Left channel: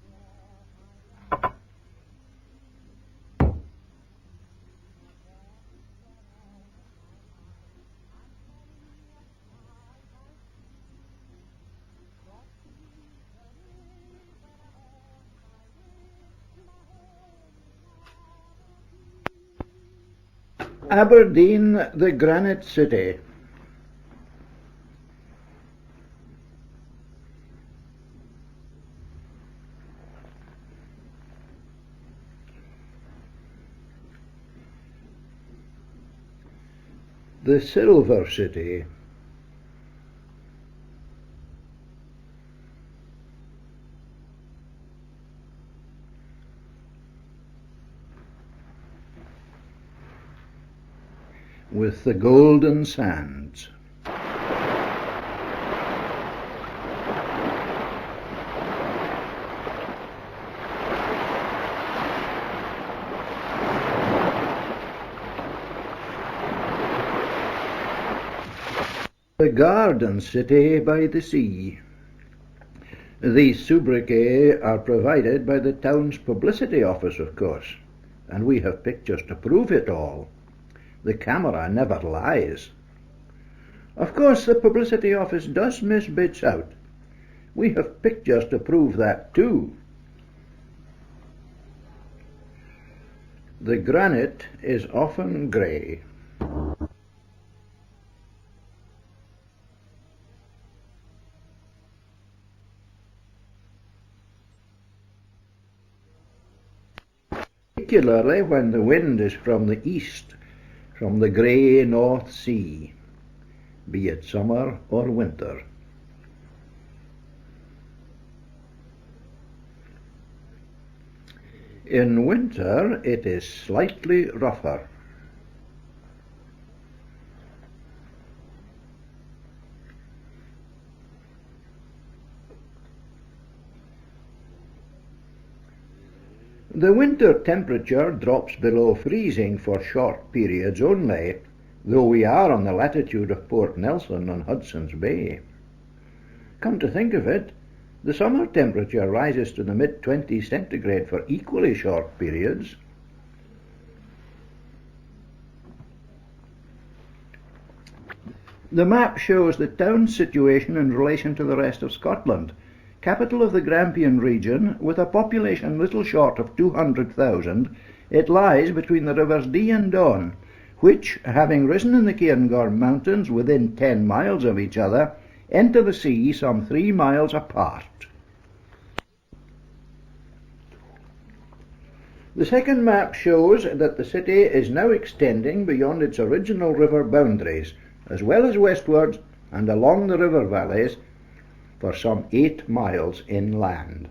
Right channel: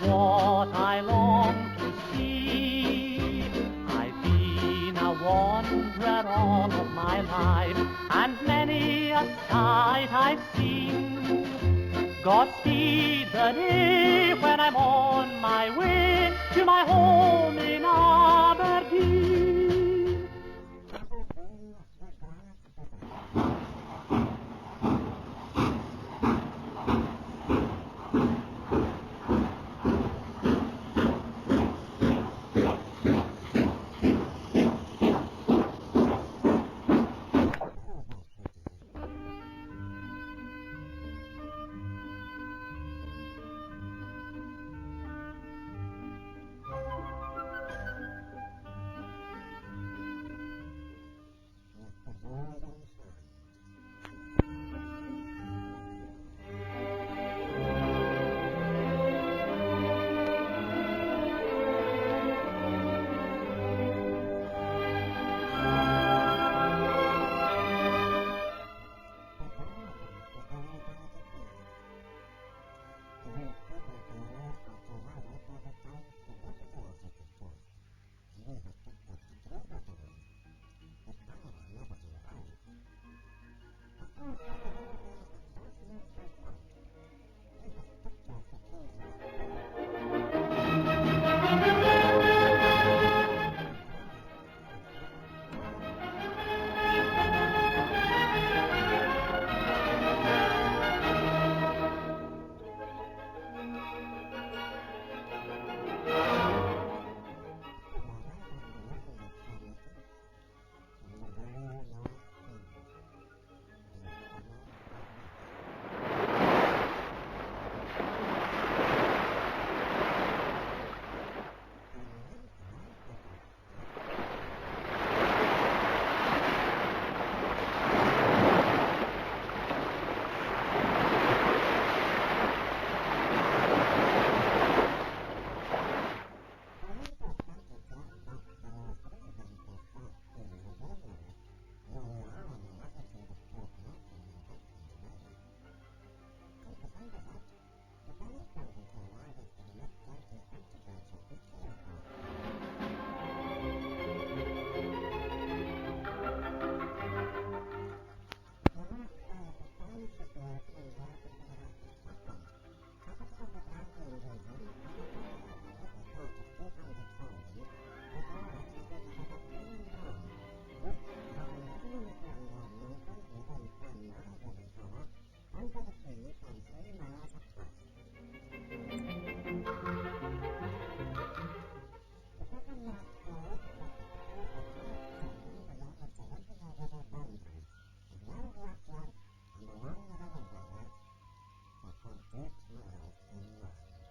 what I long to see. I've been a wanderer all of my life, and many a sight I've seen. Godspeed the day when I'm on my way to my home in Aberdeen. Aberdeen, the granite city. The silver city. With the golden sands. The garden city by the sea. These sobriquets are provided by the town's publicity office, of course, and we have pictures to prove it all. The camera never lies. Of course, the publicity office does miss bits out. We have pictures to prove that too. The granite is often grey. Particularly when the wind is from the east, from the grey North Sea, be it summer or winter. In winter it is slightly rougher. The winter temperature drops below freezing for short periods only, though we are on the latitude of Port Nelson on Hudson's Bay. Come to think of it, the summer temperature rises to the mid-20s centigrade for equally short periods. The map shows the town's situation in relation to the rest of Scotland. Capital of the Grampian region, with a population little short of 200,000, it lies between the rivers Dee and Don, which, having risen in the Cairngorm Mountains within 10 miles of each other, enter the sea some 3 miles apart. The second map shows that the city is now extending beyond its original river boundaries, as well as westwards and along the river valleys, for some 8 miles inland.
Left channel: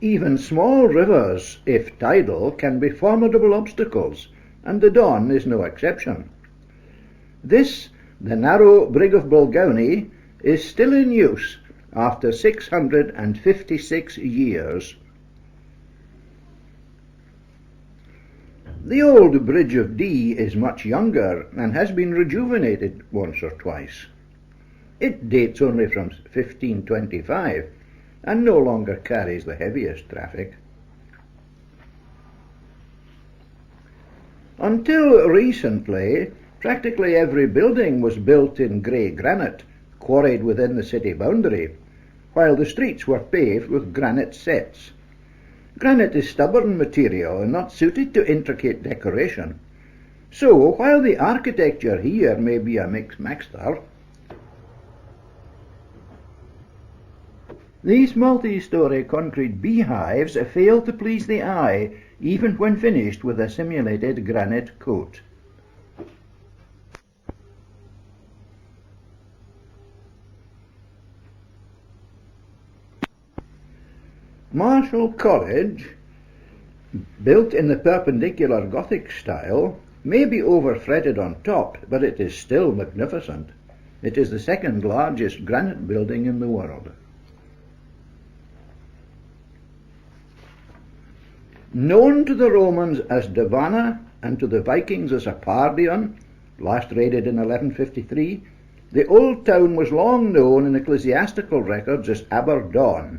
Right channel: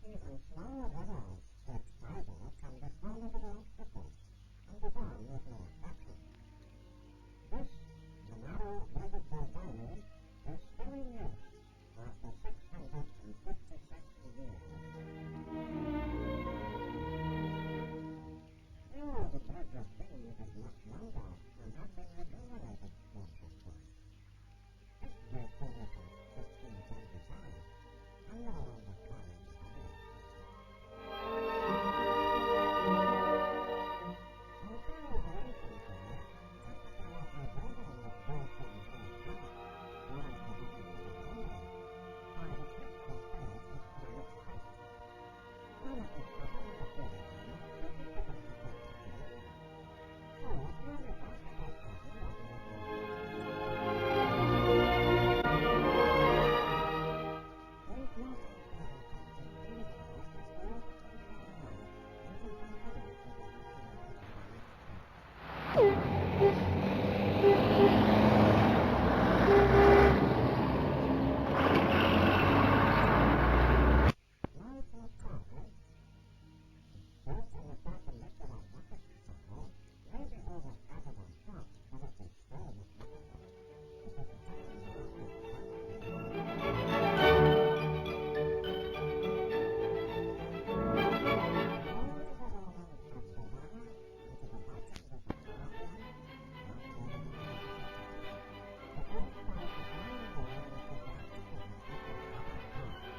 Even small rivers, if tidal, can be formidable obstacles, and the Don is no exception. This, the narrow brig of Bulgownie, is still in use after 656 years. The old Bridge of Dee is much younger and has been rejuvenated once or twice. It dates only from 1525 and no longer carries the heaviest traffic. Until recently, practically every building was built in grey granite, quarried within the city boundary, while the streets were paved with granite setts. Granite is stubborn material and not suited to intricate decoration. So, while the architecture here may be a mixed mixture, these multi-story concrete beehives fail to please the eye, even when finished with a simulated granite coat. Marshall College, built in the Perpendicular Gothic style, may be over-fretted on top, but it is still magnificent. It is the second largest granite building in the world. Known to the Romans as Davana and to the Vikings as Apardion, last raided in 1153, The old town was long known in ecclesiastical records as Aberdeen.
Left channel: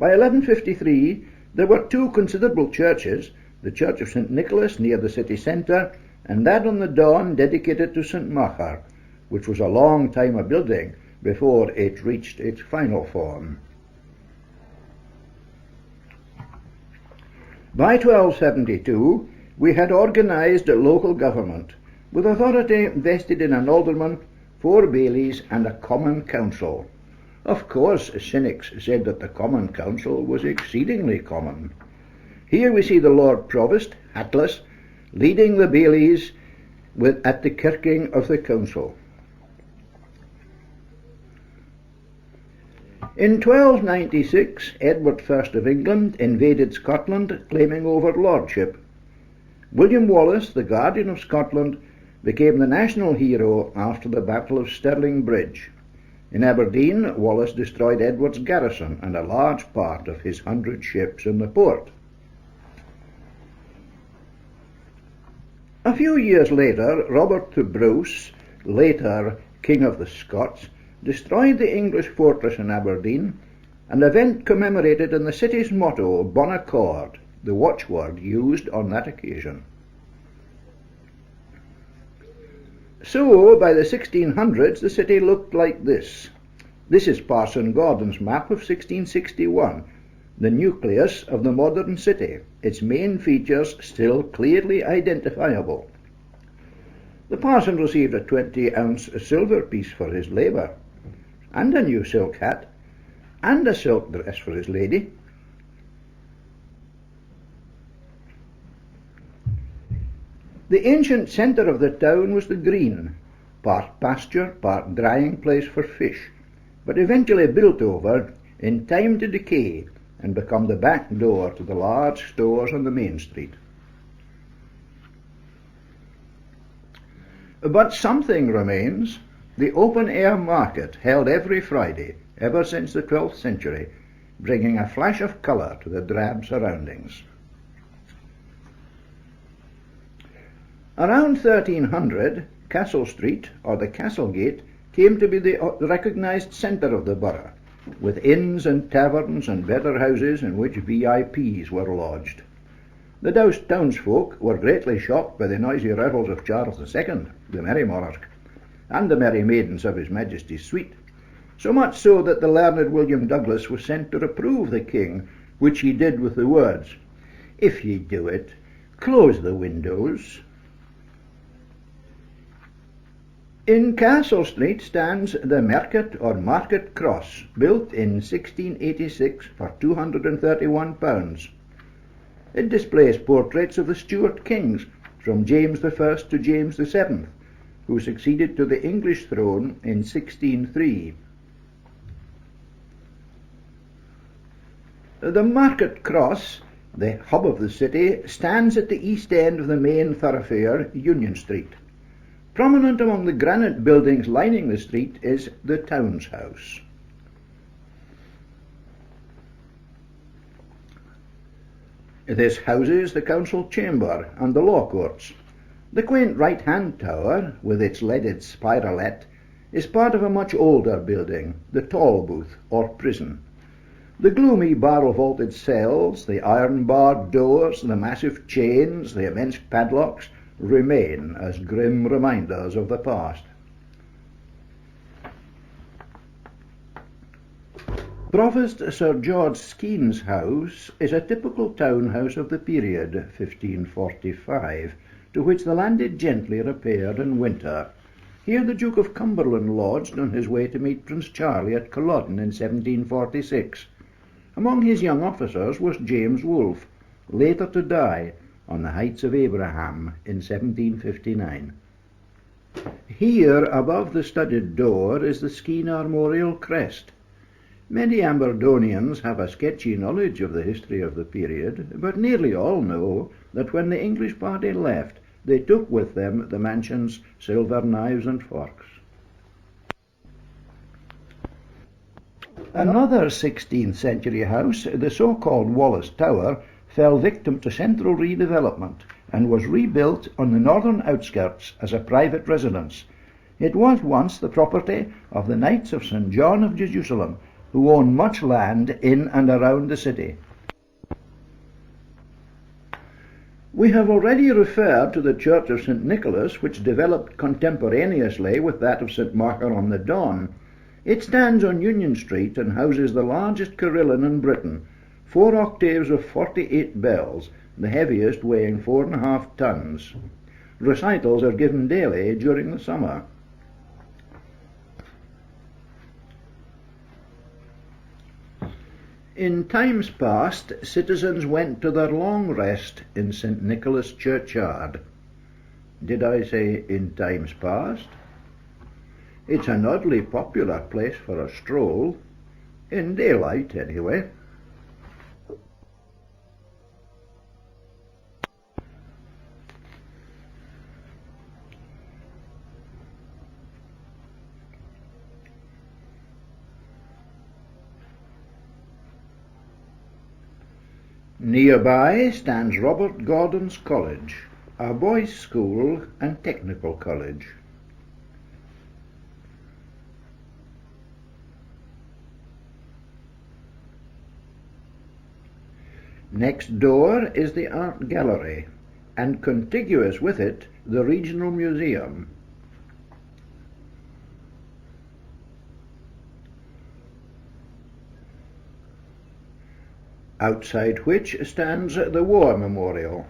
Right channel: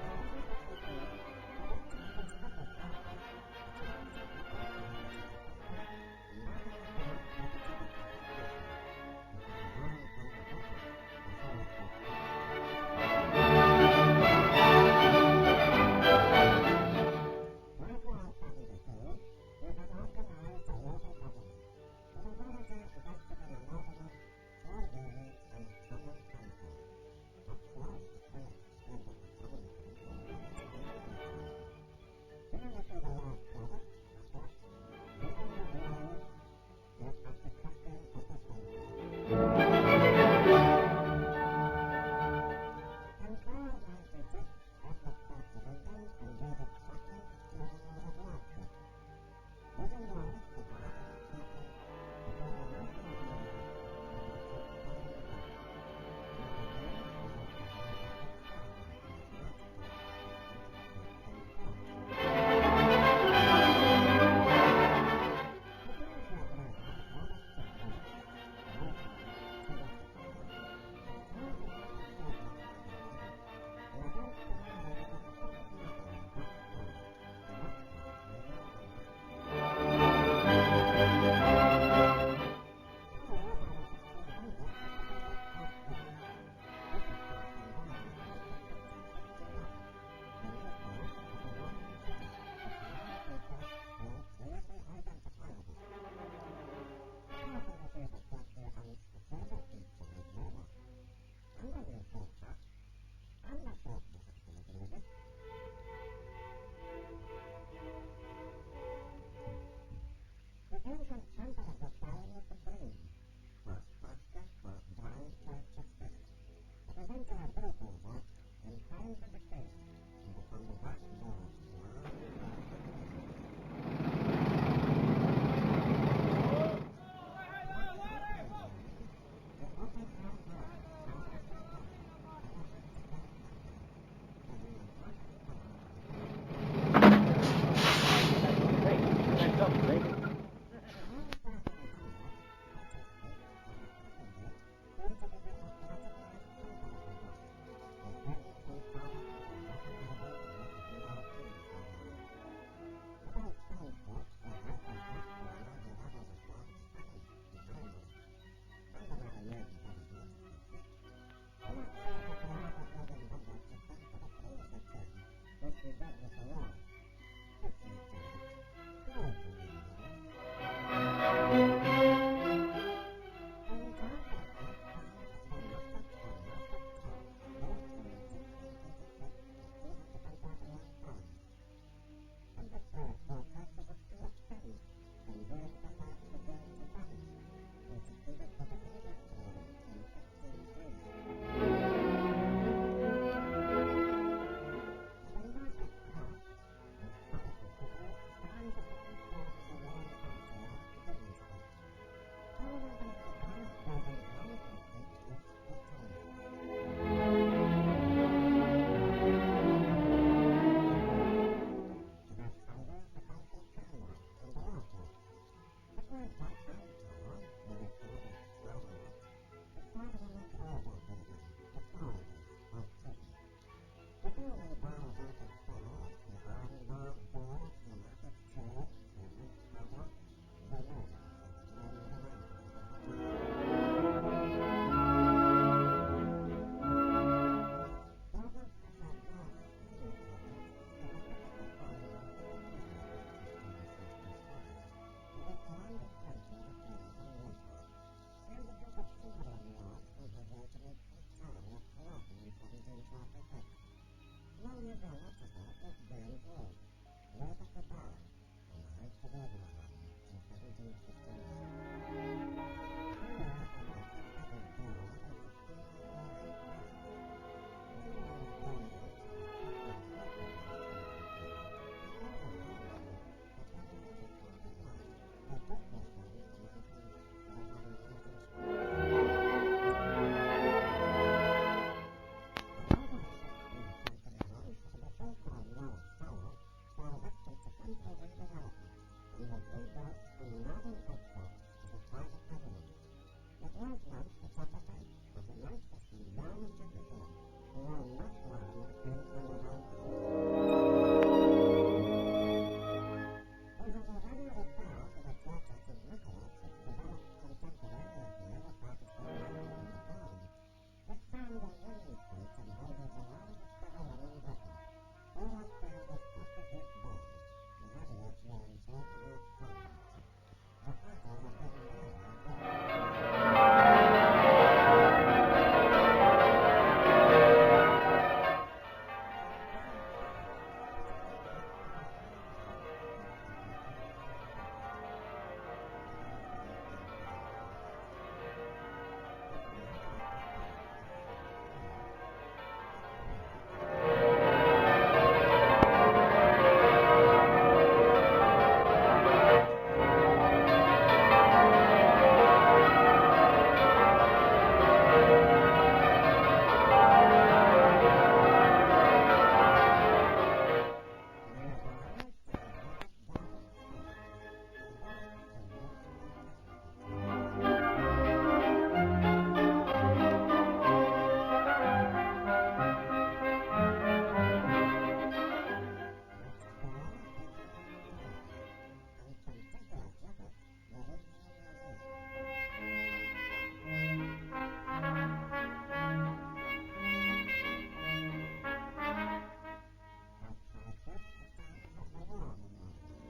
By 1153 there were two considerable churches, the Church of St. Nicholas near the city centre, and that on the Don dedicated to St. Martha, which was a long time a building before it reached its final form. By 1272 we had organised a local government, with authority vested in an alderman, 4 bailies and a common council. Of course, cynics said that the common council was exceedingly common. Here we see the Lord Provost, hatless, leading the bailies at the kirking of the council. In 1296, Edward I of England invaded Scotland, claiming overlordship. William Wallace, the Guardian of Scotland, became the national hero after the Battle of Stirling Bridge. In Aberdeen, Wallace destroyed Edward's garrison and a large part of his 100 ships in the port. A few years later, Robert the Bruce, later King of the Scots, destroyed the English fortress in Aberdeen, an event commemorated in the city's motto, Bon Accord, the watchword used on that occasion. So, by the 1600s, the city looked like this. This is Parson Gordon's map of 1661, the nucleus of the modern city, its main features still clearly identifiable. The parson received a 20-ounce silver piece for his labour, and a new silk hat, and a silk dress for his lady. The ancient centre of the town was the green, part pasture, part drying place for fish, but eventually built over in time to decay and become the back door to the large stores on the main street. But something remains. The open-air market held every Friday, ever since the 12th century, bringing a flash of colour to the drab surroundings. Around 1300, Castle Street, or the Castle Gate, came to be the recognised centre of the borough, with inns and taverns and better houses in which VIPs were lodged. The doused townsfolk were greatly shocked by the noisy revels of Charles II, the Merry Monarch, and the merry maidens of His Majesty's suite, so much so that the learned William Douglas was sent to reprove the king, which he did with the words, "If ye do it, close the windows." In Castle Street stands the Mercat or Market Cross, built in 1686 for £231. It displays portraits of the Stuart kings, from James I to James VII, who succeeded to the English throne in 1603. The Market Cross, the hub of the city, stands at the east end of the main thoroughfare, Union Street. Prominent among the granite buildings lining the street is the Town's House. This houses the council chamber and the law courts. The quaint right-hand tower, with its leaded spiralet, is part of a much older building, the Tall Booth, or prison. The gloomy barrel-vaulted cells, the iron-barred doors, the massive chains, the immense padlocks, remain as grim reminders of the past. Provost Sir George Skeen's house is a typical town house of the period, 1545, to which the landed gentry repaired in winter. Here the Duke of Cumberland lodged on his way to meet Prince Charlie at Culloden in 1746. Among his young officers was James Wolfe, later to die on the Heights of Abraham in 1759. Here, above the studded door, is the Skene armorial crest. Many Aberdonians have a sketchy knowledge of the history of the period, but nearly all know that when the English party left, they took with them the mansion's silver knives and forks. Another 16th century house, the so-called Wallace Tower, fell victim to central redevelopment and was rebuilt on the northern outskirts as a private residence. It was once the property of the Knights of St. John of Jerusalem, who owned much land in and around the city. We have already referred to the Church of St. Nicholas, which developed contemporaneously with that of St. Margaret-on-the-Don. It stands on Union Street and houses the largest carillon in Britain, 4 octaves of 48 bells, the heaviest weighing 4.5 tons. Recitals are given daily during the summer. In times past, citizens went to their long rest in St. Nicholas churchyard. Did I say in times past? It's an oddly popular place for a stroll, in daylight anyway. Nearby stands Robert Gordon's College, a boys' school and technical college. Next door is the Art Gallery, and contiguous with it, the Regional Museum. Outside which stands the War Memorial.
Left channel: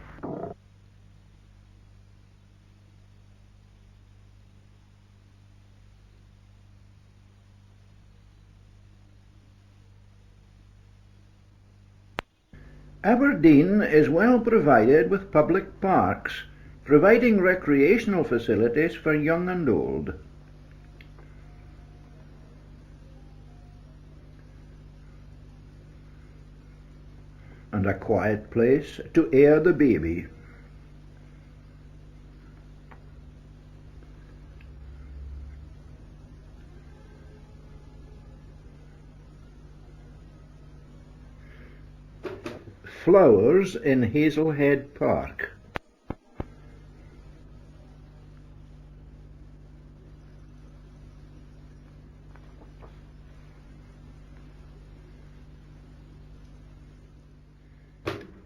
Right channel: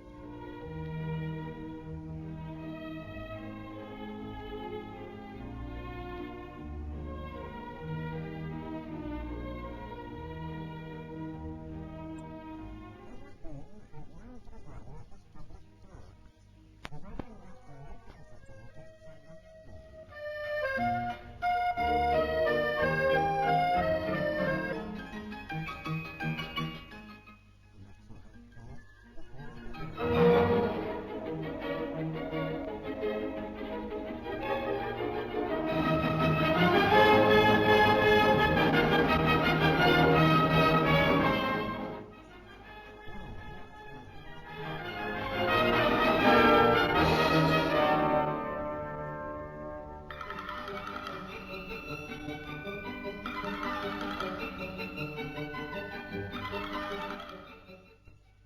Aberdeen is well provided with public parks, providing recreational facilities for young and old. And a quiet place to air the baby. Flowers in Hazelhead Park.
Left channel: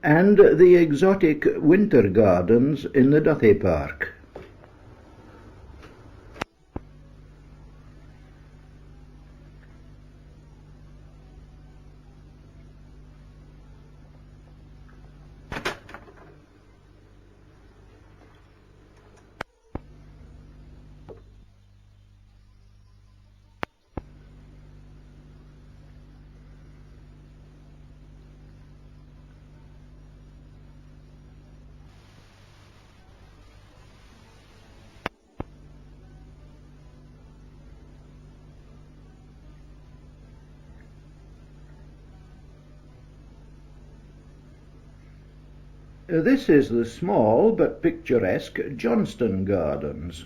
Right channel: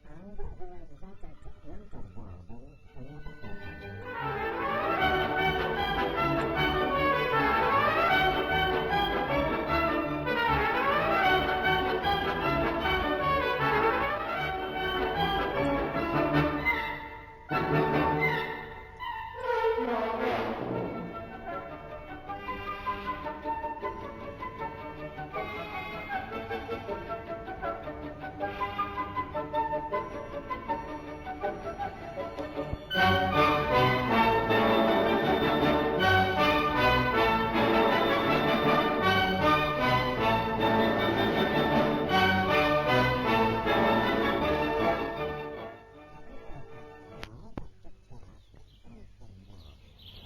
And the exotic winter gardens in the Duthie Park. This is the small but picturesque Johnston Gardens.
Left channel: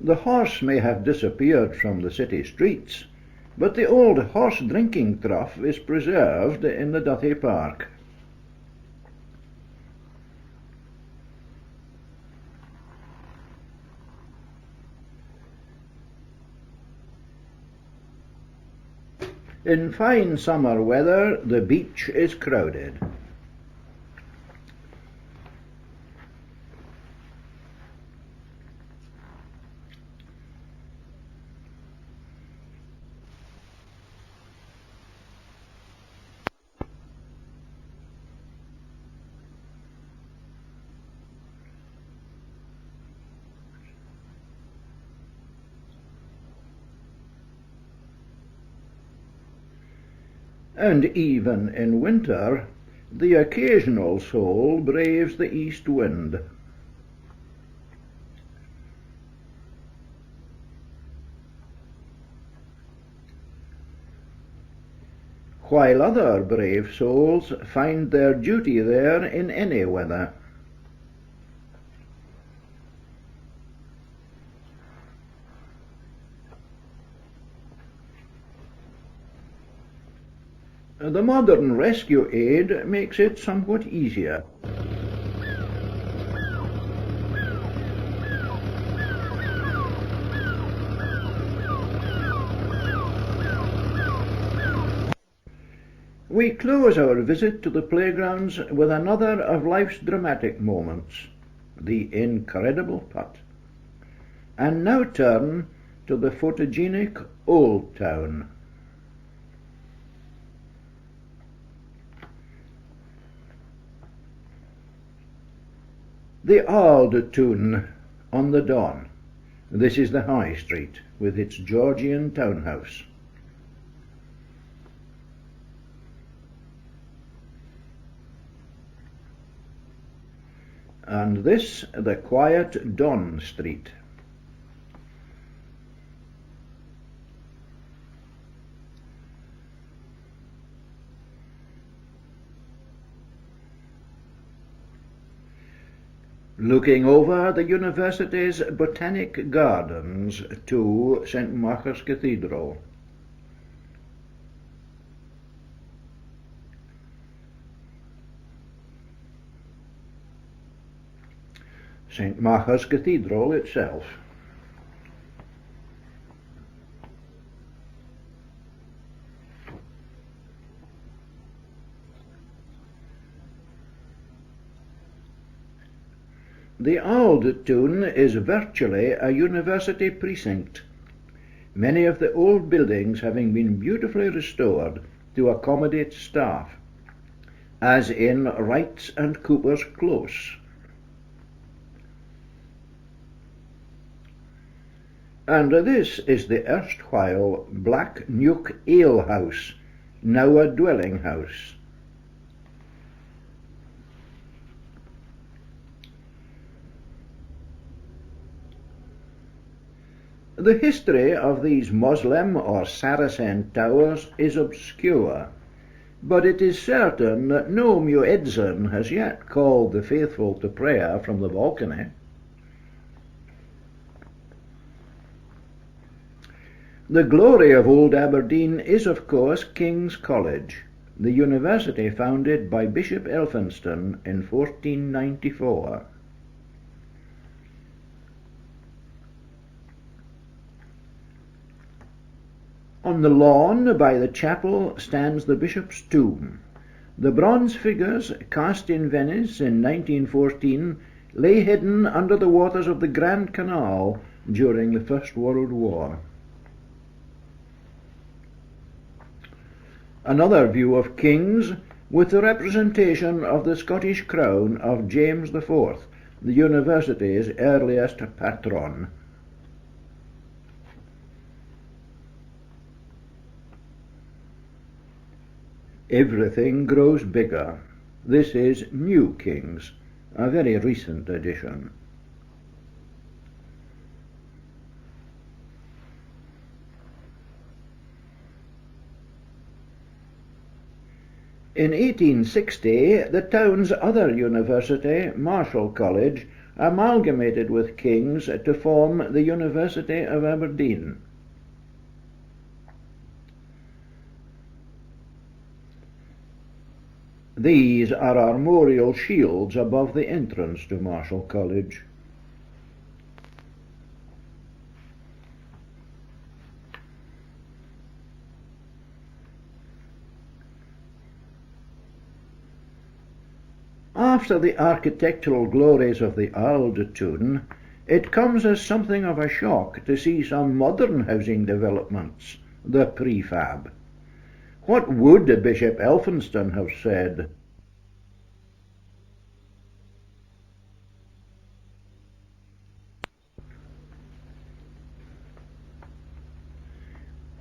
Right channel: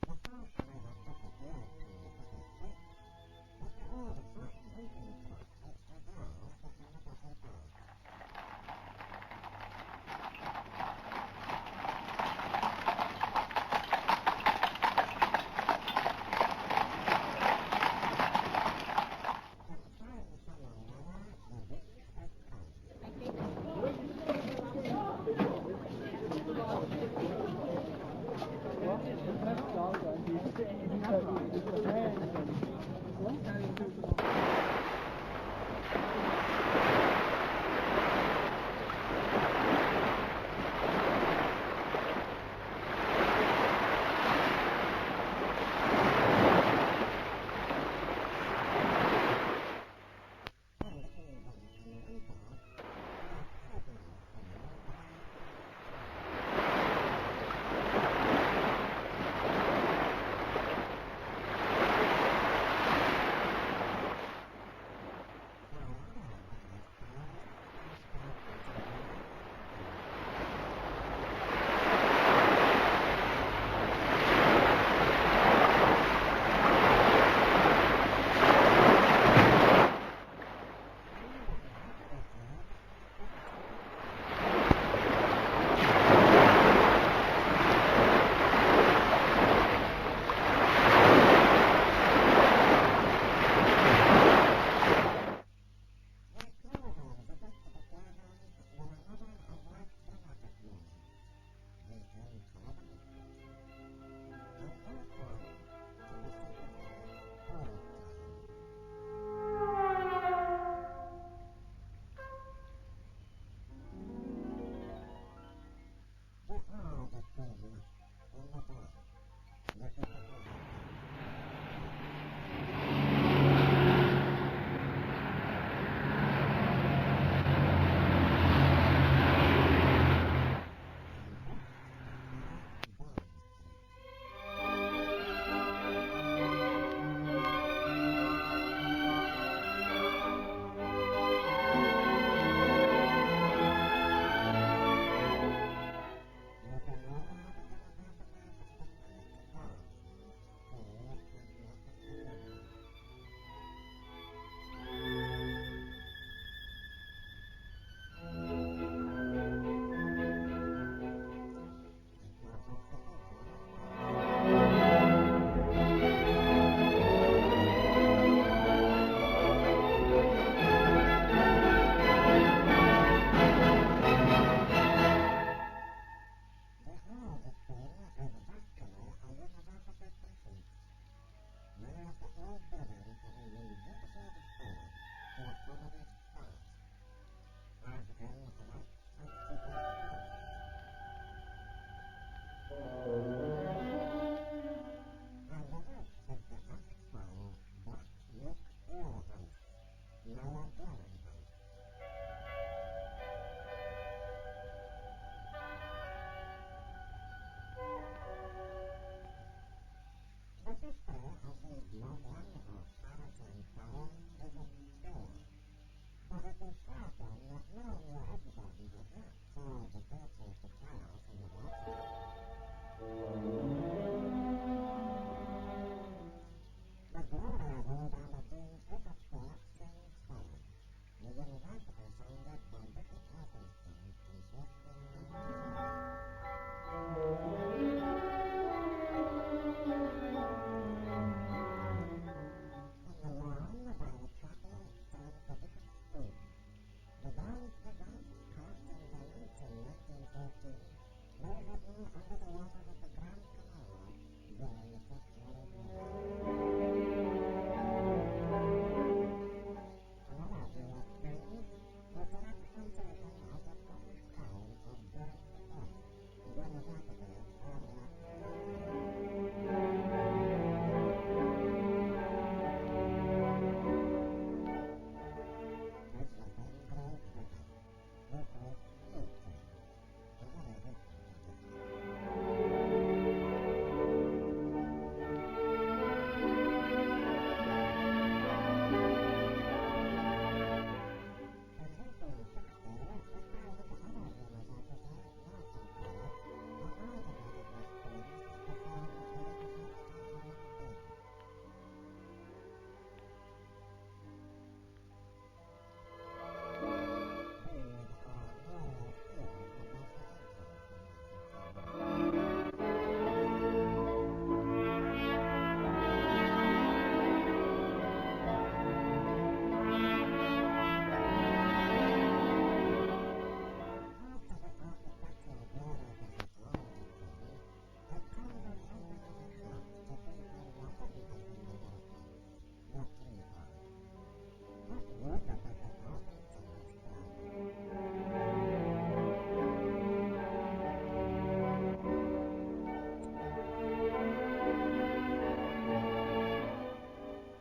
The horse may have disappeared from the city streets, but the old horse drinking trough is preserved in the Duthie Park. In fine summer weather, the beach is crowded. And even in winter, the occasional soul braves the east wind. While other brave souls find their duty there in any weather. The modern rescue aid makes it somewhat easier. We close our visit to the playgrounds with another of life's dramatic moments, the incredible putt, and now turn to the photogenic Old Town. The Auld Town on the Don. This is the High Street with its Georgian townhouse. And this the quiet Don Street. Looking over the university's botanic gardens to St. Mark's Cathedral. St. Mark's Cathedral itself. The Auld Town is virtually a university precinct, many of the old buildings having been beautifully restored to accommodate staff, as in Wright's and Cooper's Close. And this is the erstwhile Black Nuke Ale House, now a dwelling house. The history of these Moslem or Saracen towers is obscure, but it is certain that no muezzin has yet called the faithful to prayer from the balcony. The glory of Old Aberdeen is, of course, King's College, the university founded by Bishop Elphinston in 1494. On the lawn by the chapel stands the bishop's tomb. The bronze figures, cast in Venice in 1914, lay hidden under the waters of the Grand Canal during the First World War. Another view of King's with the representation of the Scottish crown of James IV, the university's earliest patron. Everything grows bigger. This is New King's, a very recent addition. In 1860, the town's other university, Marischal College, amalgamated with King's to form the University of Aberdeen. These are armorial shields above the entrance to Marischal College. After the architectural glories of the Auld Town, it comes as something of a shock to see some modern housing developments, the prefab. What would Bishop Elphinston have said?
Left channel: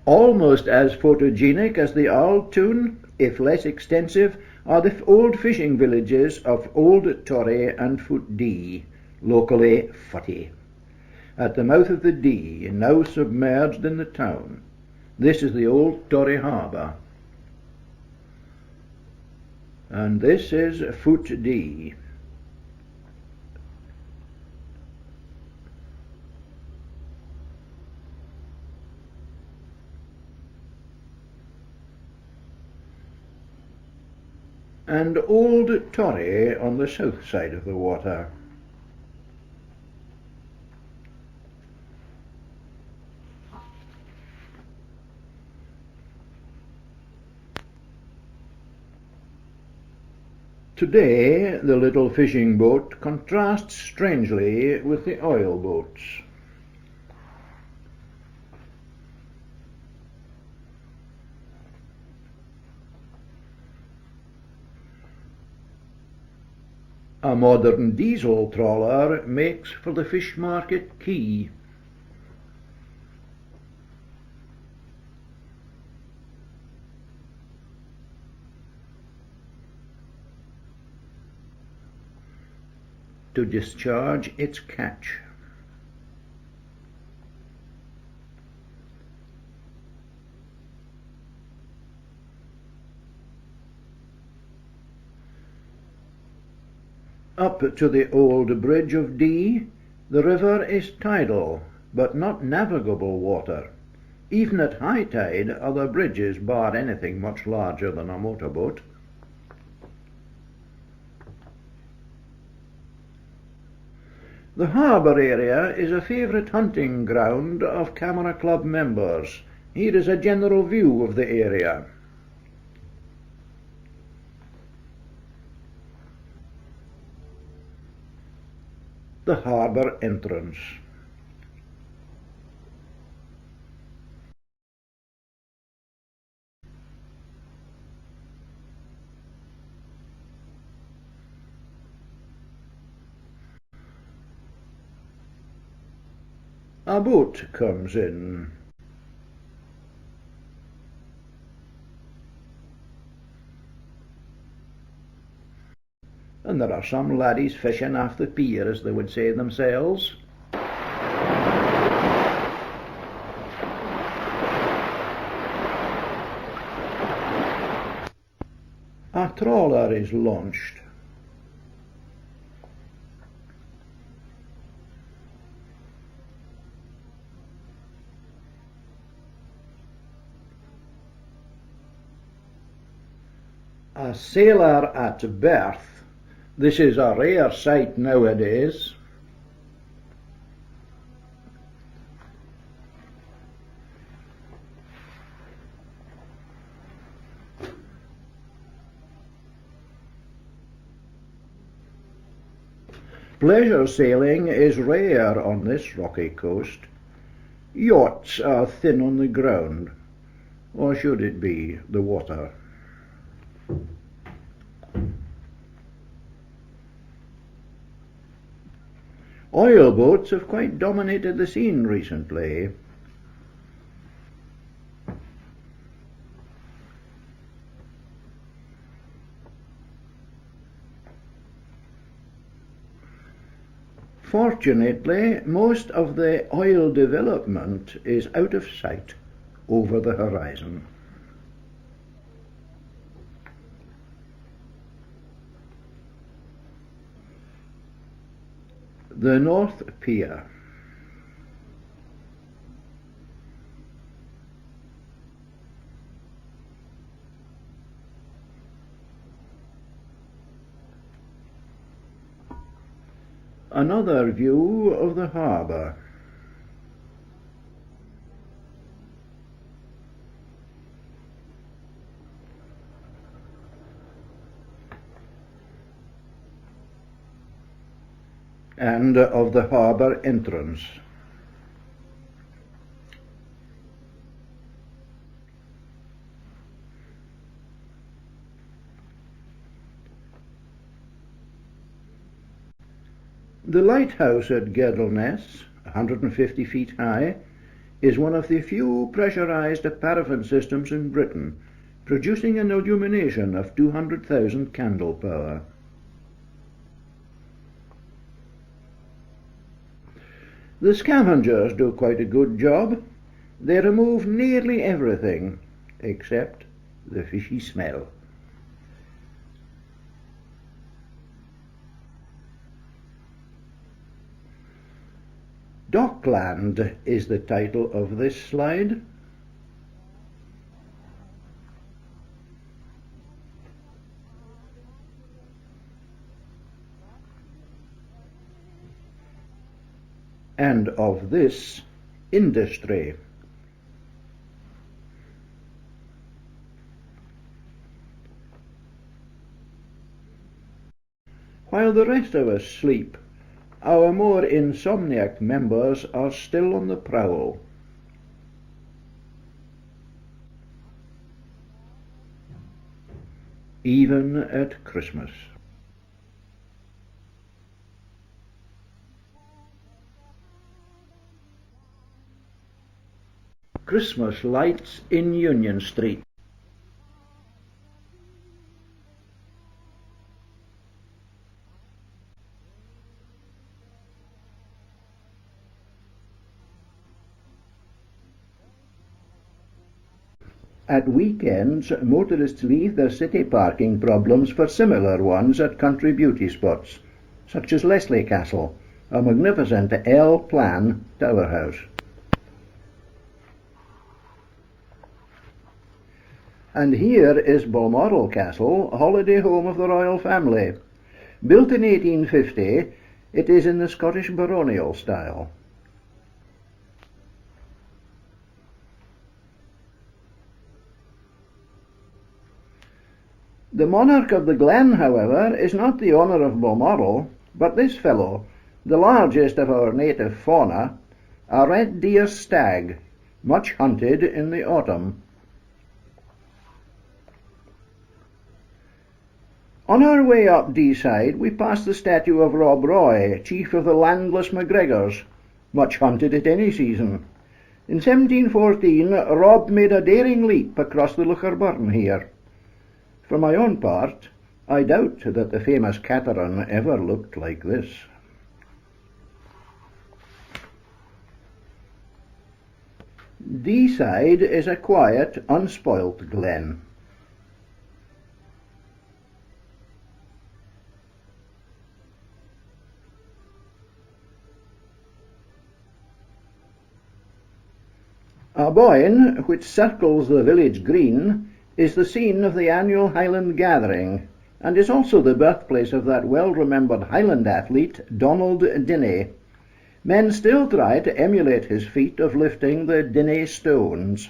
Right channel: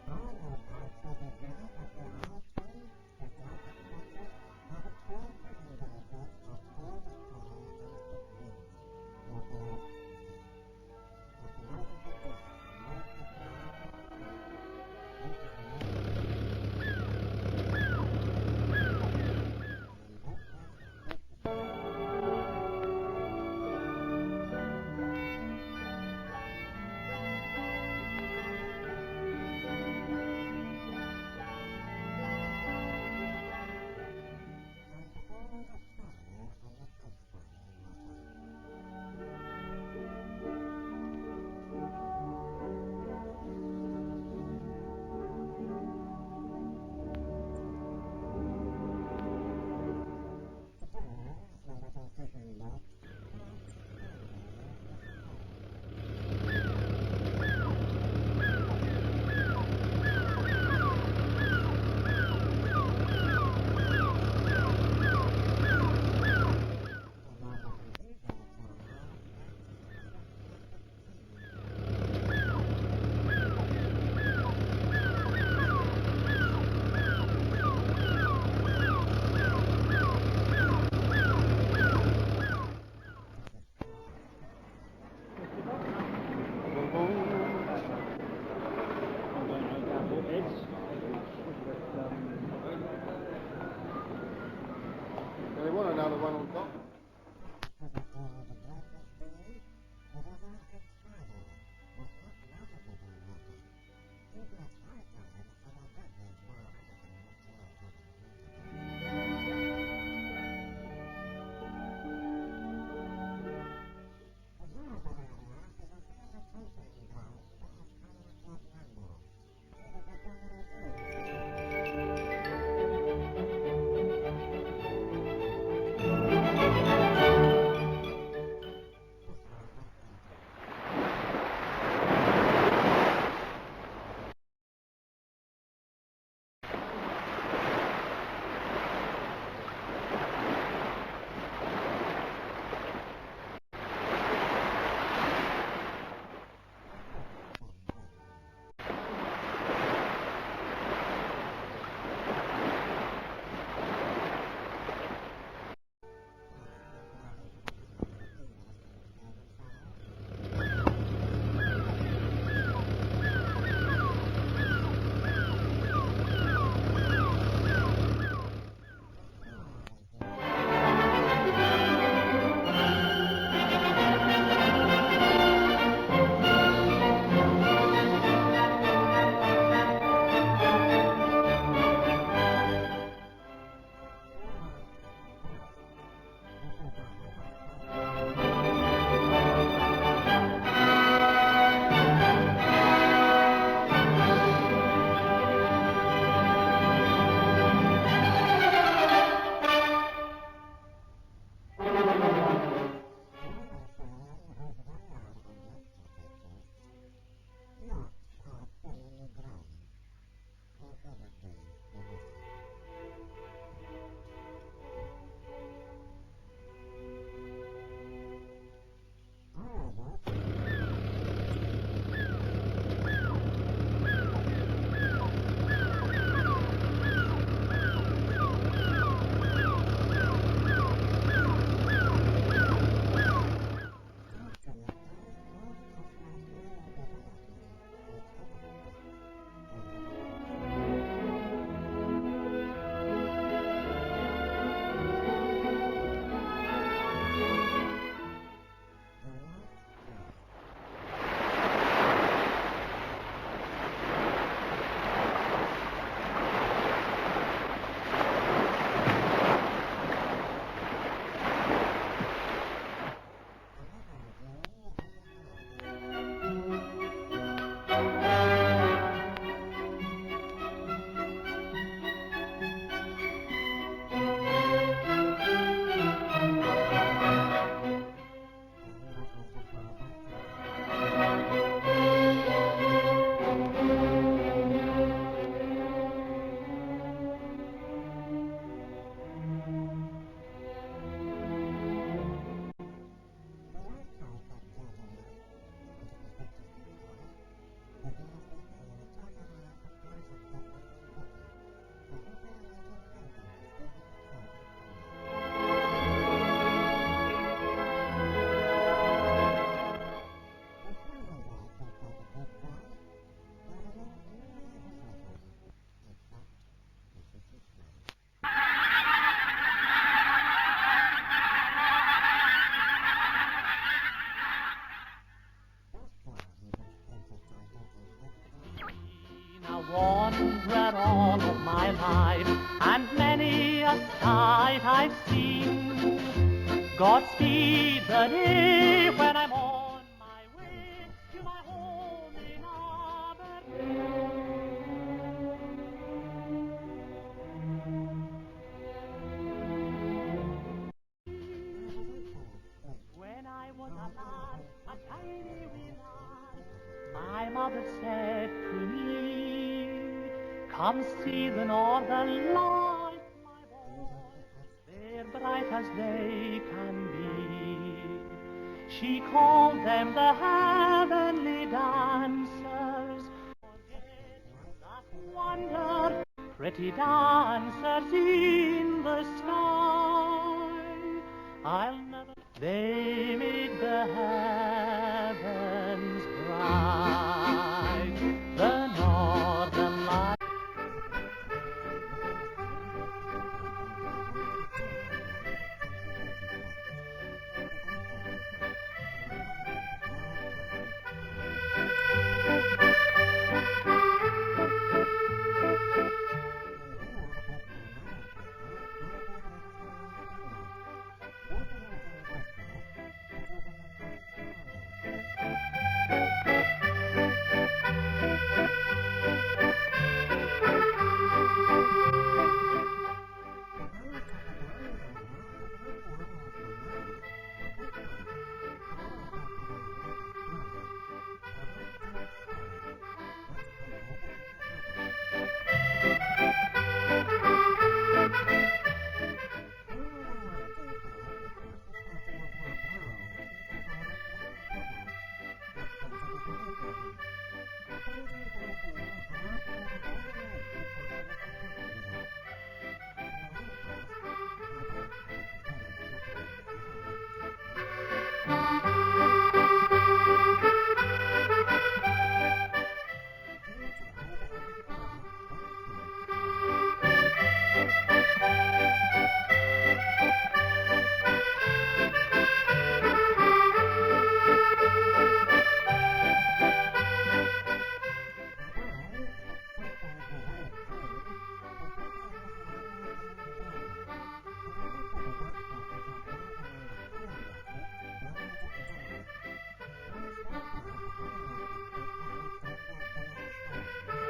Almost as photogenic as the Auld Town, if less extensive, are the old fishing villages of Old Torry and Foot Dee, locally Futty, at the mouth of the Dee, now submerged in the town. This is the Old Torry Harbour. And this is Foot Dee. and Old Torry on the south side of the water. Today, the little fishing boat contrasts strangely with the oil boats. A modern diesel trawler makes for the fish market quay. To discharge its catch. Up to the old bridge of Dee, the river is tidal, but not navigable water. Even at high tide, other bridges bar anything much larger than a motorboat. The harbour area is a favourite hunting ground of Camera Club members. Here is a general view of the area. The harbour entrance. A boat comes in. And there are some laddies fishing off the pier, as they would say themselves. A trawler is launched. A sailor at berth. This is a rare sight nowadays. Pleasure sailing is rare on this rocky coast. Yachts are thin on the ground, or should it be the water? Oil boats have quite dominated the scene recently. Fortunately, most of the oil development is out of sight over the horizon. The North Pier. Another view of the harbour. And of the harbour entrance. The lighthouse at Girdleness, 150 feet high, is one of the few pressurised paraffin systems in Britain, producing an illumination of 200,000 candle power. The scavengers do quite a good job. They remove nearly everything, except the fishy smell. Dockland is the title of this slide. I wandered all of my life, and many a time sight I've seen. Godspeed the day when I'm on my way. And of this industry. While the rest of us sleep, our more insomniac members are still on the prowl. My mother said to me, come see the northern lights, Even at Christmas. bright as they can be. She called them the heavenly dancers, Christmas lights in Union Street. pretty dancers in the sky. I'll never. They made the heavens bright, the northern lights. At weekends, motorists leave their city parking problems for similar ones at country beauty spots, such as Leslie Castle, a magnificent L-plan tower house. And here is Balmoral Castle, holiday home of the royal family. Built in 1850, it is in the Scottish baronial style. The monarch of the glen, however, is not the owner of Balmoral, but this fellow, the largest of our native fauna, a red deer stag, much hunted in the autumn. On our way up Deeside, we passed the statue of Rob Roy, chief of the landless MacGregors, much hunted at any season. In 1714, Rob made a daring leap across the Locherburn here. For my own part, I doubt that the famous Cateran ever looked like this. Deeside is a quiet, unspoilt glen. A boyne, which circles the village green, is the scene of the annual Highland gathering, and is also the birthplace of that well-remembered Highland athlete, Donald Dinnie. Men still try to emulate his feat of lifting the Dinnie stones.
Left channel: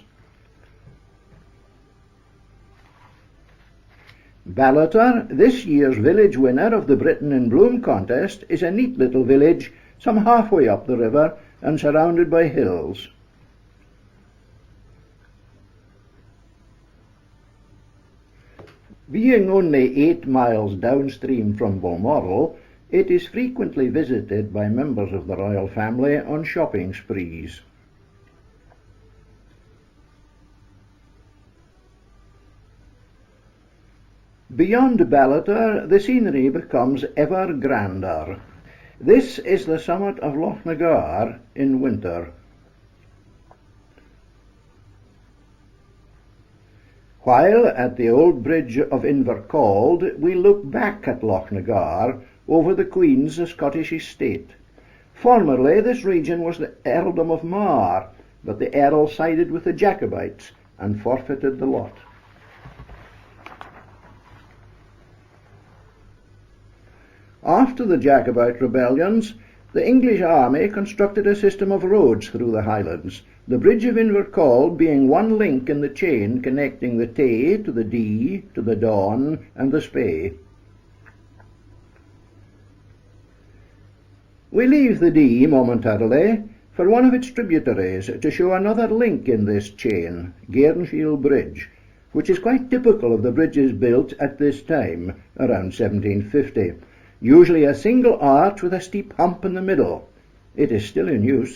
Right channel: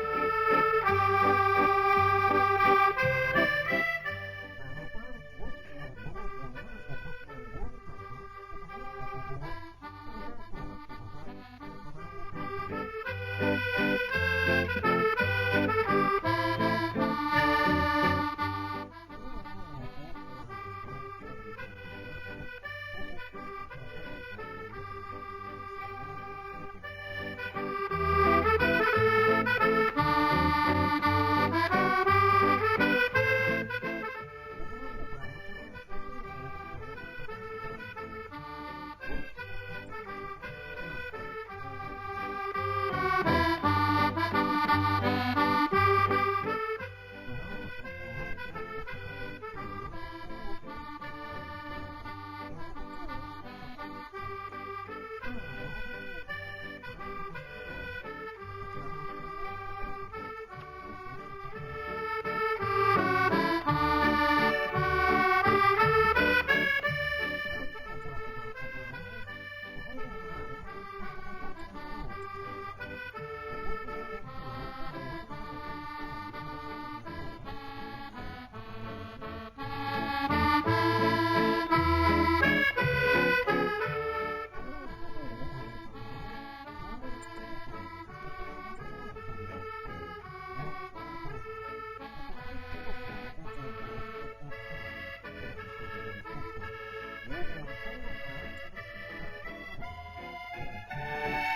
Ballater, this year's village winner of the Britain in Bloom contest, is a neat little village some halfway up the river and surrounded by hills. Being only 8 miles downstream from Balmoral, it is frequently visited by members of the royal family on shopping sprees. Beyond Ballater, the scenery becomes ever grander. This is the summit of Loch Nagar in winter. While at the old bridge of Invercauld, we look back at Loch Nagar over the Queen's Scottish estate. Formerly this region was the earldom of Mar, but the earl sided with the Jacobites and forfeited the lot. After the Jacobite rebellions, the English army constructed a system of roads through the Highlands, the bridge of Invercauld being one link in the chain connecting the Tay to the Dee, to the Don and the Spey. We leave the Dee momentarily for one of its tributaries to show another link in this chain, Gairnshiel Bridge, which is quite typical of the bridges built at this time, around 1750. Usually a single arch with a steep hump in the middle. It is still in use.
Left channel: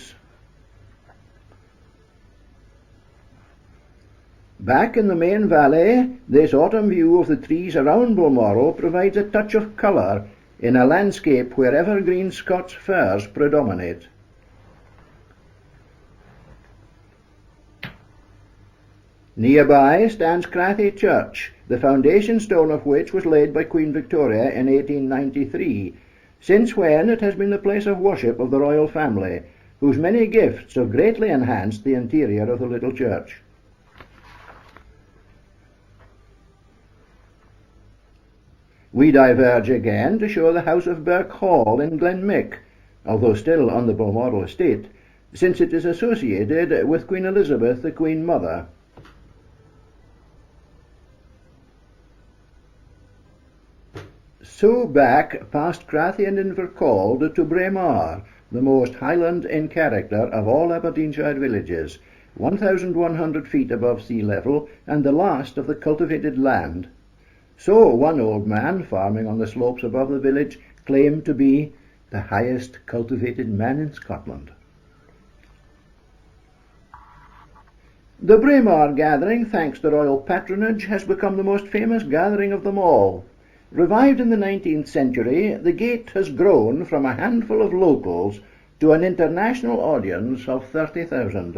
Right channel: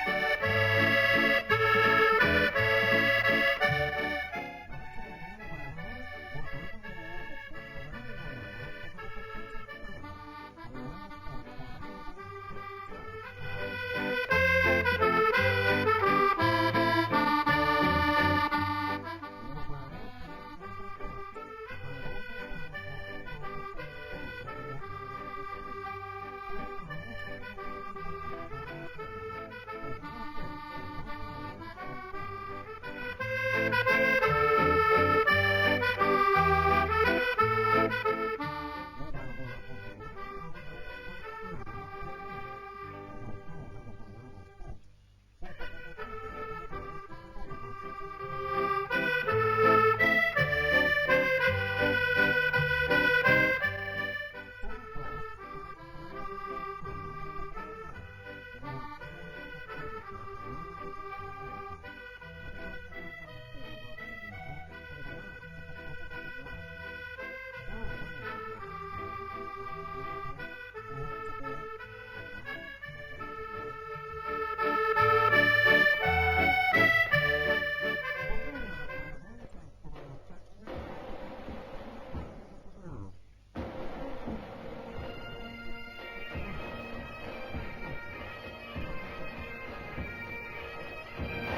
Back in the main valley, this autumn view of the trees around Balmoral provides a touch of colour in a landscape where evergreen Scots firs predominate. Nearby stands Crathy Church, the foundation stone of which was laid by Queen Victoria in 1893, since when it has been the place of worship of the royal family, whose many gifts have greatly enhanced the interior of the little church. We diverge again to show the house of Birk Hall in Glenmick, although still on the Balmoral estate, since it is associated with Queen Elizabeth, the Queen Mother. So back past Crathy and Invercald to Braemar, the most Highland in character of all Aberdeenshire villages, 1,100 feet above sea level and the last of the cultivated land. So one old man farming on the slopes above the village claimed to be the highest cultivated man in Scotland. The Braemar gathering, thanks to royal patronage, has become the most famous gathering of them all. Revived in the 19th century, the gate has grown from a handful of locals to an international audience of 30,000.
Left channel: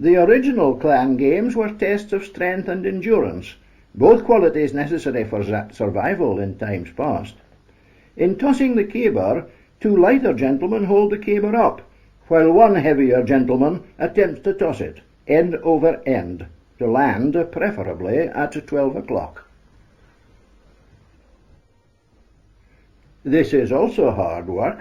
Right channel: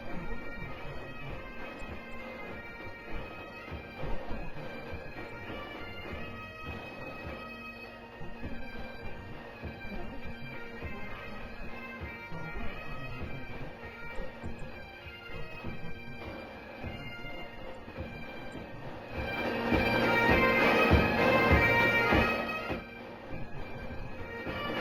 The original clan games were tests of strength and endurance, both qualities necessary for survival in times past. In tossing the caber, two lighter gentlemen hold the caber up, while one heavier gentleman attempts to toss it, end over end, to land preferably at 12 o'clock. This is also hard work.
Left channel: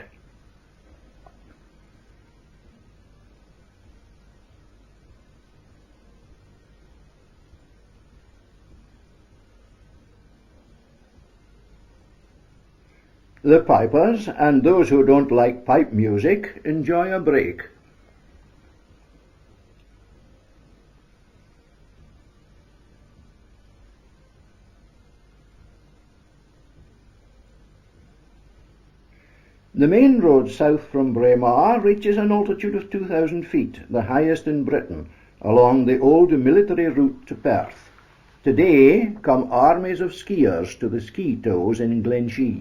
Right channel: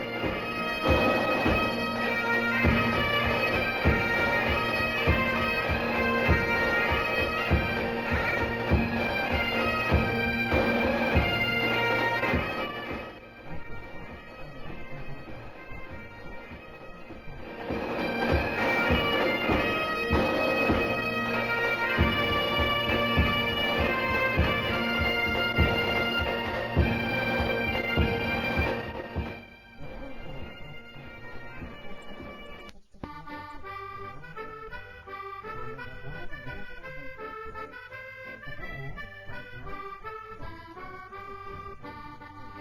The pipers and those who don't like pipe music enjoy a break. The main road south from Braemar reaches an altitude of 2,000 feet, the highest in Britain, along the old military route to Perth. Today come armies of skiers to the ski tows in Glenshee.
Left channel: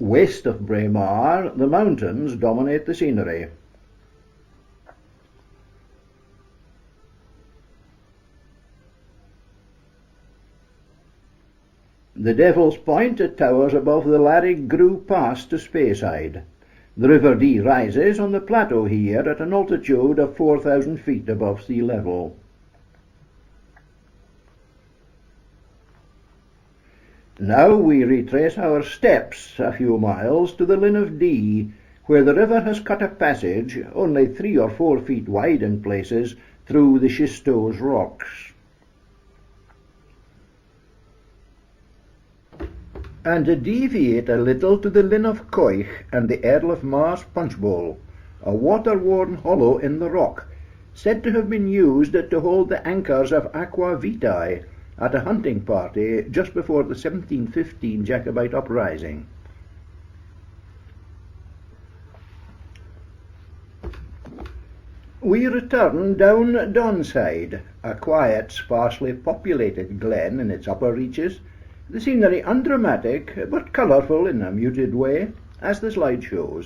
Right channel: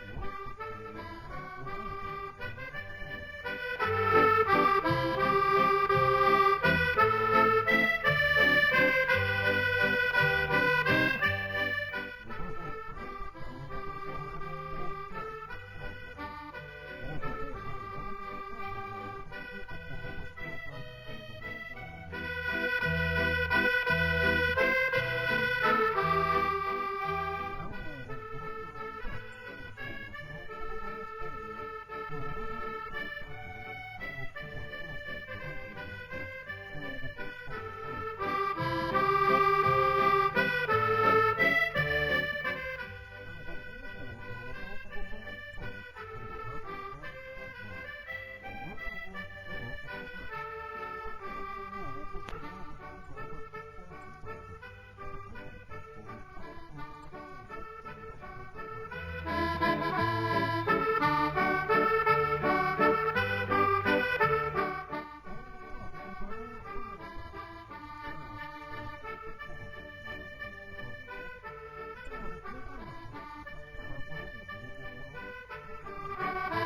West of Braemar, the mountains dominate the scenery. The Devil's Point towers above the Larry Grew Pass to Speyside. The River Dee rises on the plateau here at an altitude of 4,000 feet above sea level. Now we retrace our steps a few miles to the Linn of Dee, where the river has cut a passage, only 3 or 4 feet wide in places, through the schistose rocks. And deviate a little to the Linn of Coich and the Earl of Mar's Punch Bowl, a water-worn hollow in the rock, said to have been used to hold the anchors of Aqua Vitae at a hunting party just before the 1715 Jacobite uprising. We return down Donside, a quiet, sparsely populated glen in its upper reaches, the scenery undramatic but colourful in a muted way, as the slide shows.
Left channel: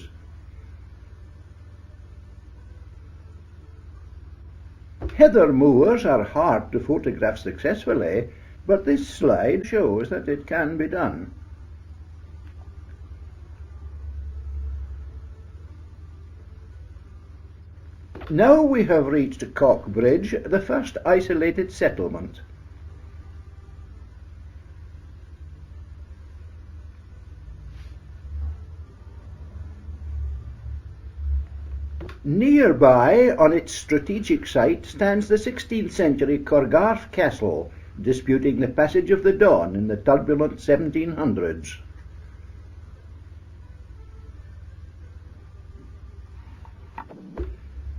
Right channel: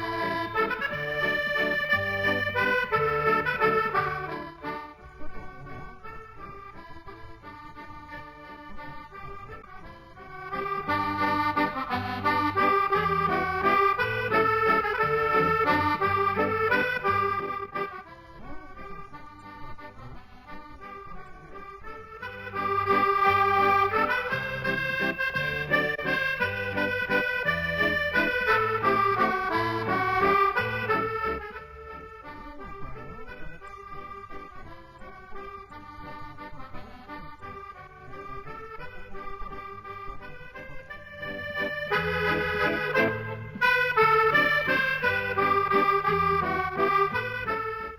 Heather moors are hard to photograph successfully, but this slide shows that it can be done. Now we have reached Cockbridge, the first isolated settlement. Nearby, on its strategic site, stands the 16th century Corgarth Castle, disputing the passage of the Don in the turbulent 1700s.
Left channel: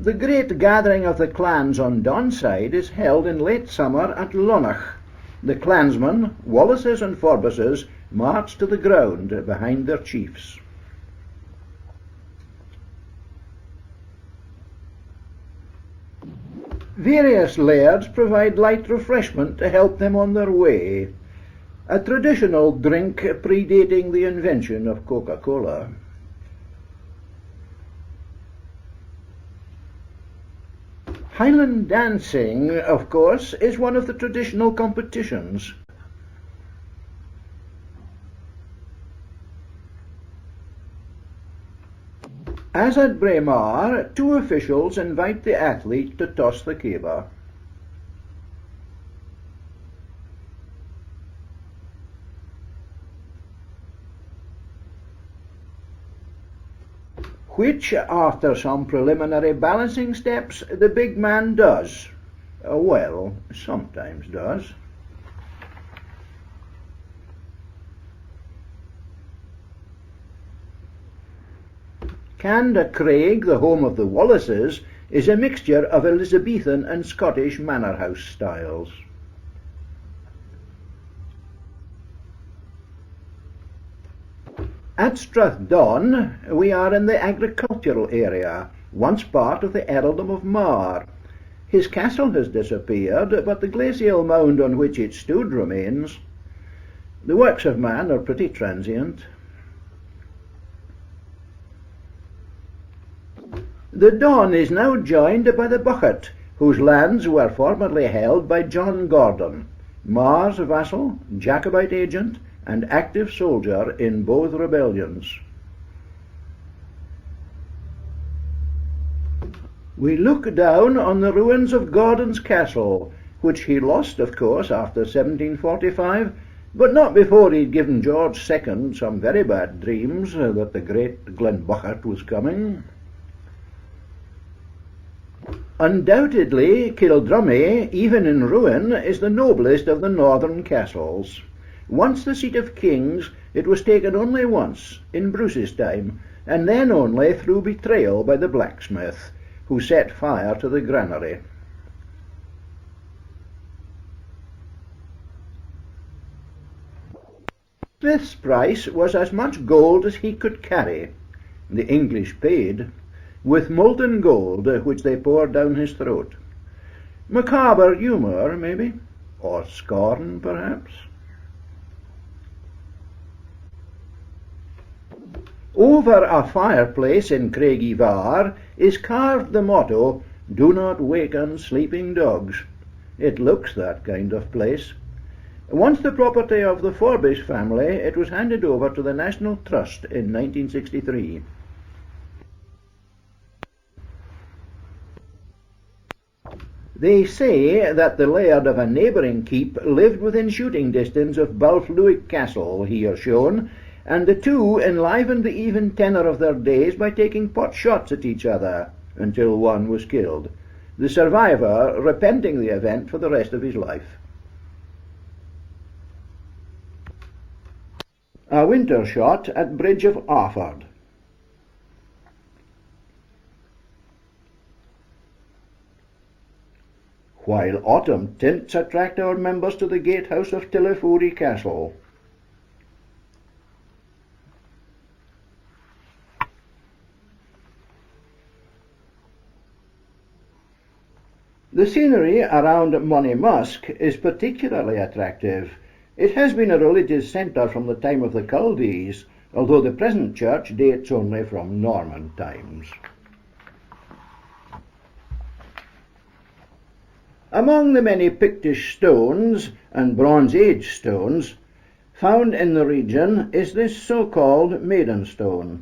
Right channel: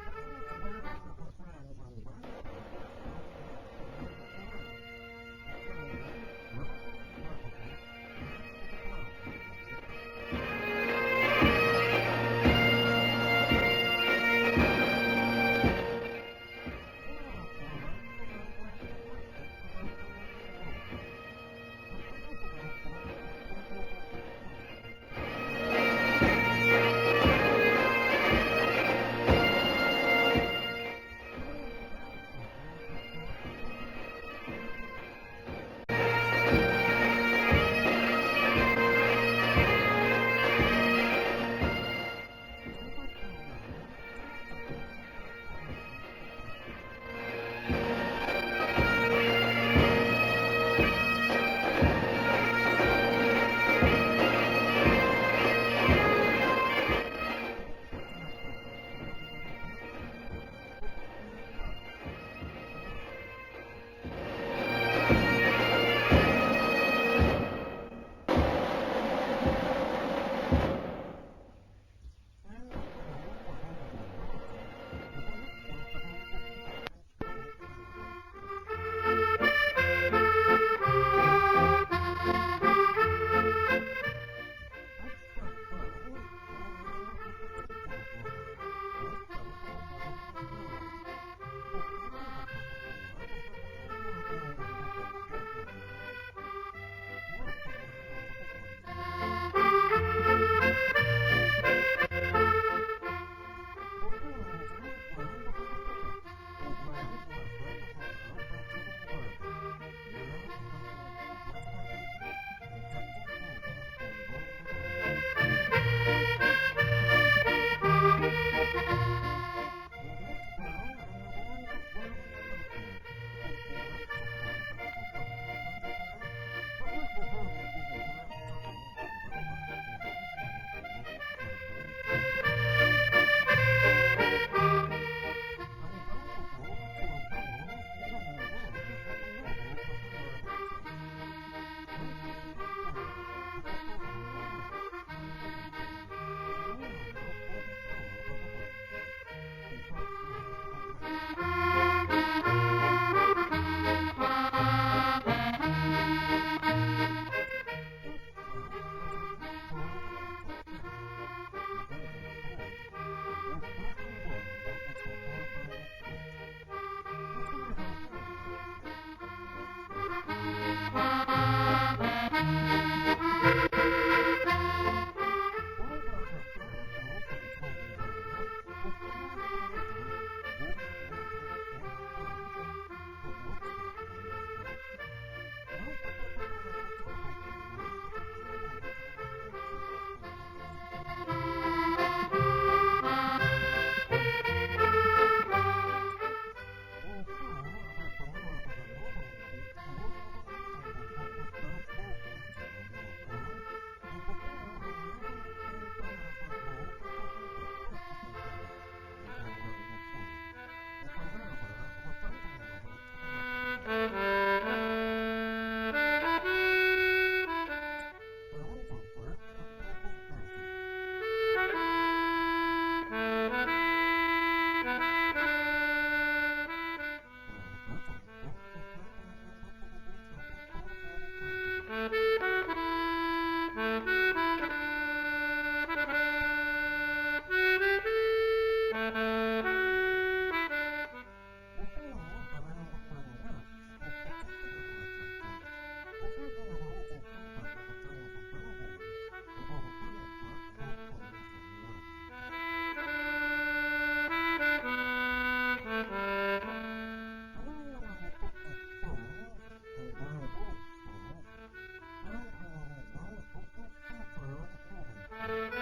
The great gathering of the clans on Donside is held in late summer at Lonach. The clansmen, Wallaces and Forbuses, march to the ground behind their chiefs. Various lairds provide light refreshment to help them on their way, a traditional drink predating the invention of Coca-Cola. Highland dancing, of course, is one of the traditional competitions. As at Braemar, two officials invite the athlete to toss the caber. Which, after some preliminary balancing steps, the big man does. Well, sometimes does. Craig, the home of the Wallaces, is a mixture of Elizabethan and Scottish manor house styles. At Strathdon, we are in the agricultural area, once part of the earldom of Mar. His castle has disappeared, but the glacial mound on which it stood remains. The works of man are pretty transient. The Don is now joined by the Buchet, whose lands were formerly held by John Gordon, Mar's vassal, Jacobite agent, and active soldier in both rebellions. We look down on the ruins of Gordon's castle, which he lost, of course, after 1745, but not before he'd given George II some very bad dreams that the great Glenbuchet was coming. Undoubtedly, Kildrummy, even in ruin, is the noblest of the northern castles. Once the seat of kings, it was taken only once, in Bruce's time, and then only through betrayal by the blacksmith, who set fire to the granary. Smith's price was as much gold as he could carry. The English paid, with molten gold which they poured down his throat. Macabre humour, maybe, or scorn, perhaps. Over a fireplace in Craigivar is carved the motto, "Do not waken sleeping dogs." It looks that kind of place. Once the property of the Forbish family, it was handed over to the National Trust in 1963. They say that the laird of a neighbouring keep lived within shooting distance of Balfluick Castle, here shown, and the two enlivened the even tenor of their days by taking pot shots at each other, until one was killed, the survivor repenting the event for the rest of his life. A winter shot at Bridge of Arford. While autumn tints attract our members to the gatehouse of Tillifouri Castle. The scenery around Monymusk is particularly attractive. It has been a religious centre from the time of the Chaldees, although the present church dates only from Norman times. Among the many Pictish stones and Bronze Age stones found in the region is this so-called Maiden Stone.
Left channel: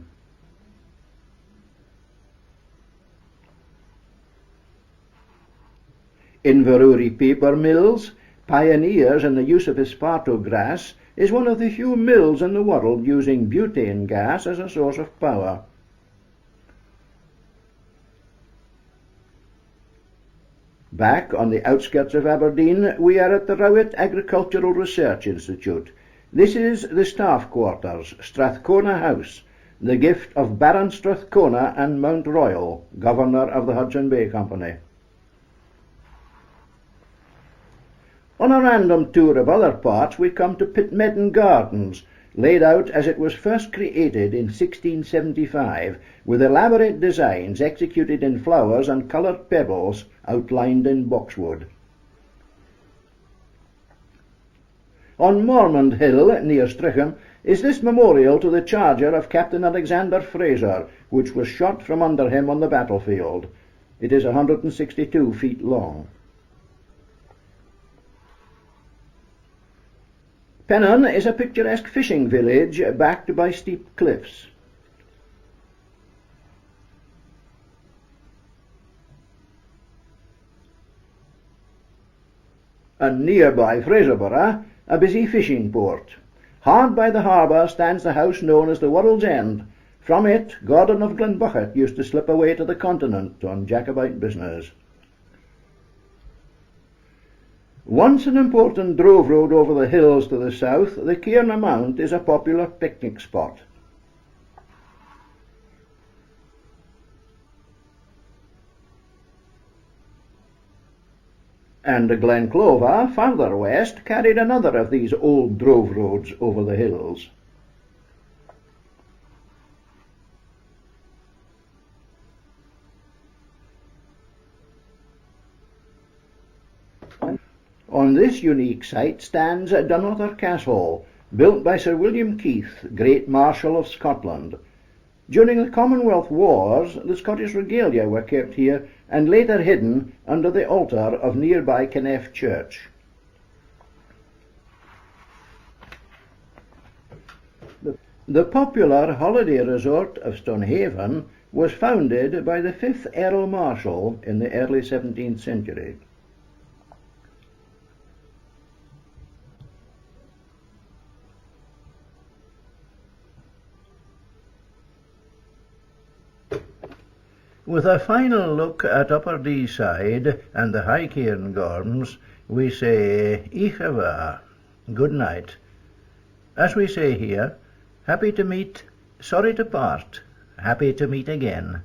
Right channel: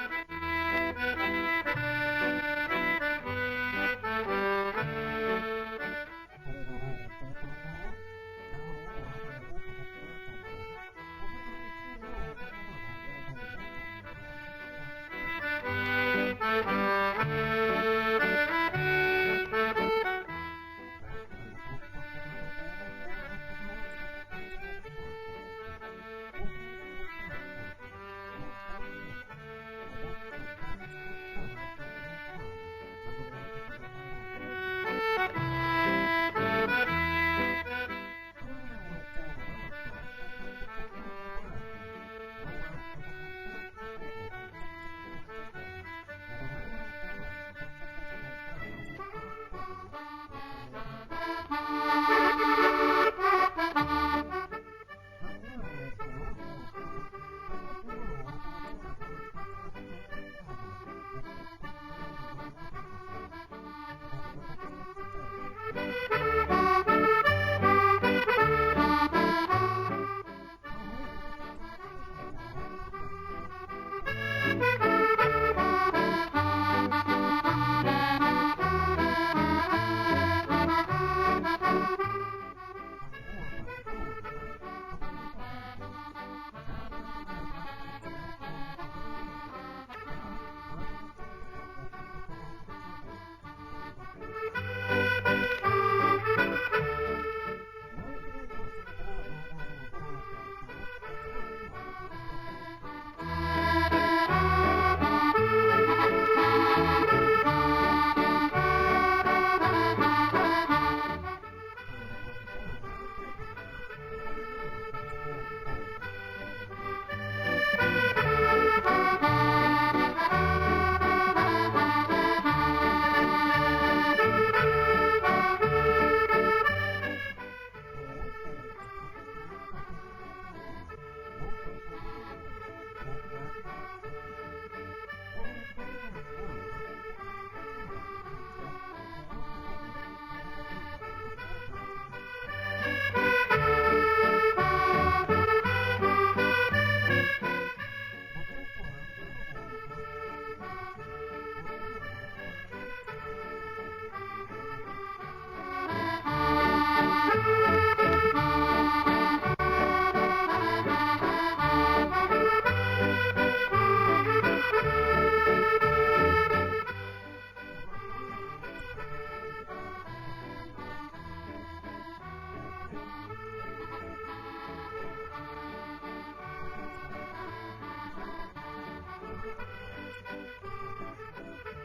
Inverurie paper mills, pioneers in the use of esparto grass, is one of the few mills in the world using butane gas as a source of power. Back on the outskirts of Aberdeen, we are at the Rowett Agricultural Research Institute. This is the staff quarters, Strathcona House, the gift of Baron Strathcona and Mount Royal, Governor of the Hudson Bay Company. On a random tour of other parts, we come to Pitmedden Gardens, laid out as it was first created in 1675, with elaborate designs executed in flowers and coloured pebbles outlined in boxwood. On Mormond Hill, near Strichen, is this memorial to the charger of Captain Alexander Fraser, which was shot from under him on the battlefield. It is 162 feet long. Pennon is a picturesque fishing village backed by steep cliffs. And nearby Fraserburgh, a busy fishing port. Hard by the harbour stands the house known as the World's End. From it, Gordon of Glenbucket used to slip away to the continent on Jacobite business. Once an important drove road over the hills to the south, the Cairna Mount is a popular picnic spot. And Glenclover, farther west, carried another of these old drove roads over the hills. On this unique site stands Dunother Castle, built by Sir William Keith, great Marshal of Scotland. During the Commonwealth Wars, the Scottish regalia were kept here and later hidden under the altar of nearby Kenneth Church. The popular holiday resort of Stonehaven was founded by the 5th Earl Marshal in the early 17th century. With a final look at Upper Deeside and the High Cairngorms, we say Ichava, good night. As we say here, happy to meet, sorry to part, happy to meet again.